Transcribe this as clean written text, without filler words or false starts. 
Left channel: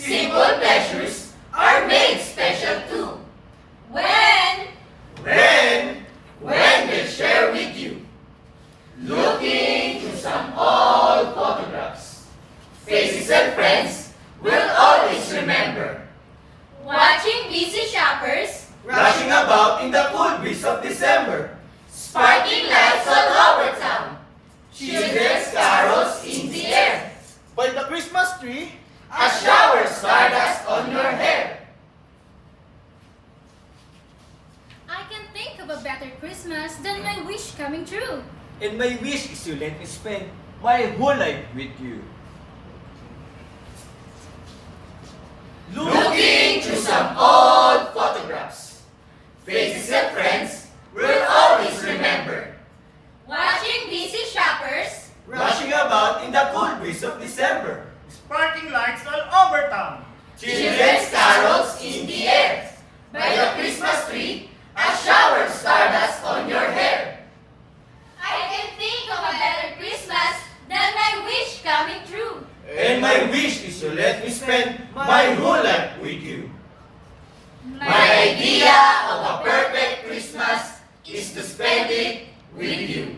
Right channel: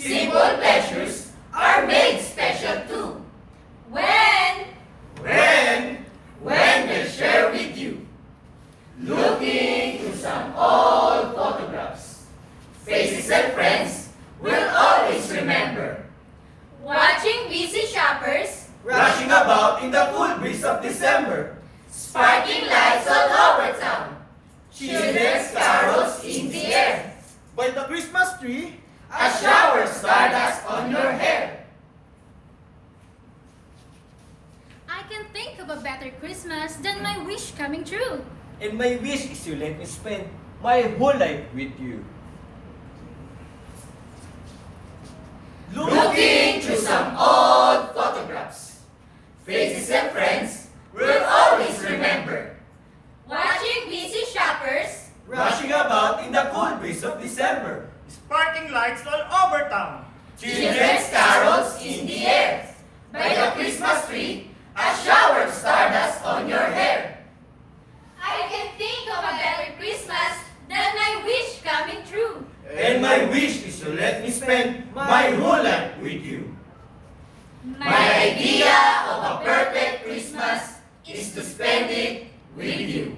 Simple pleasures are made special too. When When they share with you. Looking through some old photographs. Faces and friends will always remember. watching busy shoppers, Rushing about in the cool breeze of December. Sparking lights all over town. Children's carols in the air. By the Christmas tree, A shower stardust on your hair. I can think of a better Christmas than my wish coming true. And my wish is to let me spend my whole life with you. Looking through some old photographs. Faces and friends will always remember. Watching busy shoppers, Rushing about in the cool breeze of December. sparking lights all over town. Children's carols in the air. By the Christmas tree, a shower stardust on your hair. I can think of a better Christmas than my wish coming true. And my wish is to let me spend my whole life with you. My idea of a perfect Christmas is to spend it with you.